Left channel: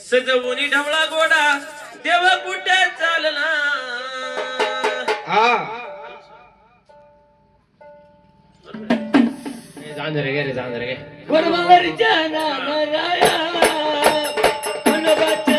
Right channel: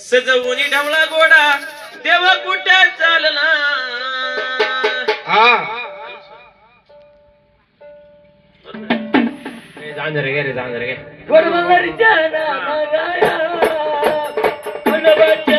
सजवून ढवळा गोडा देवा कुठे चालला जांजरे गे रे जांजरे गे वरवरीच्या नामाराया मनवाच्या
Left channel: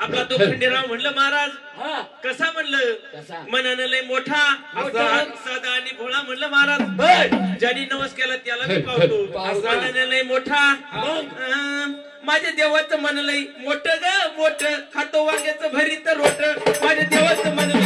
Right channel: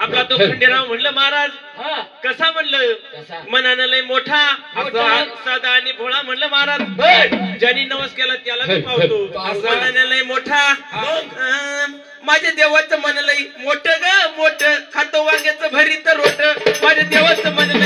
आपला तो खंडेराव म्हणलं महाराज कसा म्हणलं मनानं लय मोठा साधा आणि भोळा म्हणलं महाराज ज्यांनी नवस केला त्याला मी पावतो मनानं लय मोठा माझ्या देवाचं मन लय मोठं ग मोठं खातो वांग्याचं भरीत रोट माझ्या देवाचं मन